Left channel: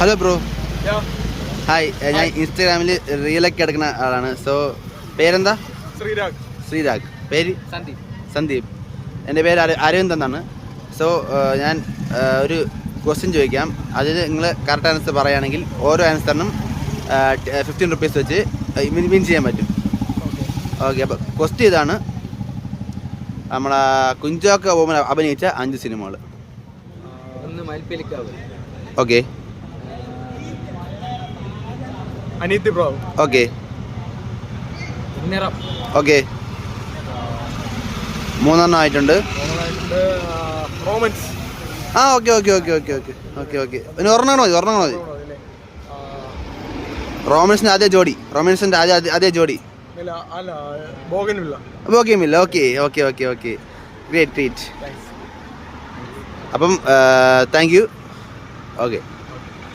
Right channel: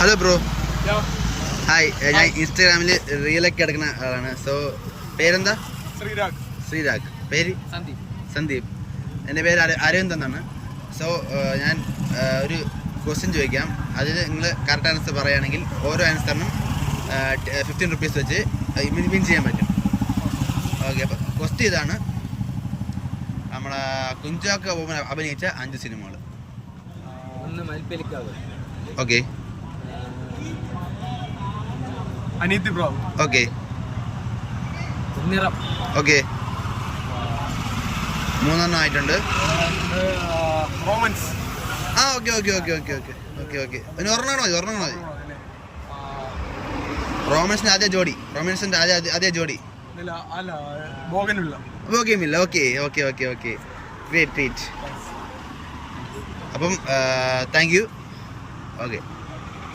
Hello bro. Hi, ഞാൻ ഇൻസ്റ്റാഗ്രാമിൽ റീലൊക്കെ എടുക്കുന്ന ആളാണ്. സോ പേരെന്താ? ശ്രീരാഗ്. പേര്? സന്ദീപ്. എൻ്റെ പേര് അരവിന്ദ് എന്നാണ്. സോ ഞാൻ ഒരു ക്വസ്റ്റ്യൻ ചോദിക്കാം. അതിൽ നിങ്ങൾ കറക്റ്റ് ആൻസർ പറയുകയാണെങ്കിൽ ഓരോ ആൻസറിനും 15 റുപ്പീസ് വെച്ച് വിൻ ചെയ്യാൻ പറ്റും. ഓക്കെ, അപ്പോൾ ക്വസ്റ്റ്യൻ ഇതാണ്. നമ്മളെ കുഞ്ചാക്ക ബോബൻ അഭിനയിച്ച 5 സിനിമകൾ. ഓക്കെ. അനിയത്തി ബ്രോ. ഓക്കെ ഓക്കെ, 3 ആയിട്ടുണ്ട്. റോമൻസ്. ആ okay okay okay okay okay okay okay ഇനി ഒരെണ്ണം മതി. റോമൻസിൻ്റെ അതേ ജോഡി. Bougainvillea. Okay okay okay okay, great. അപ്പം താങ്ക് യു. ഓക്കെ.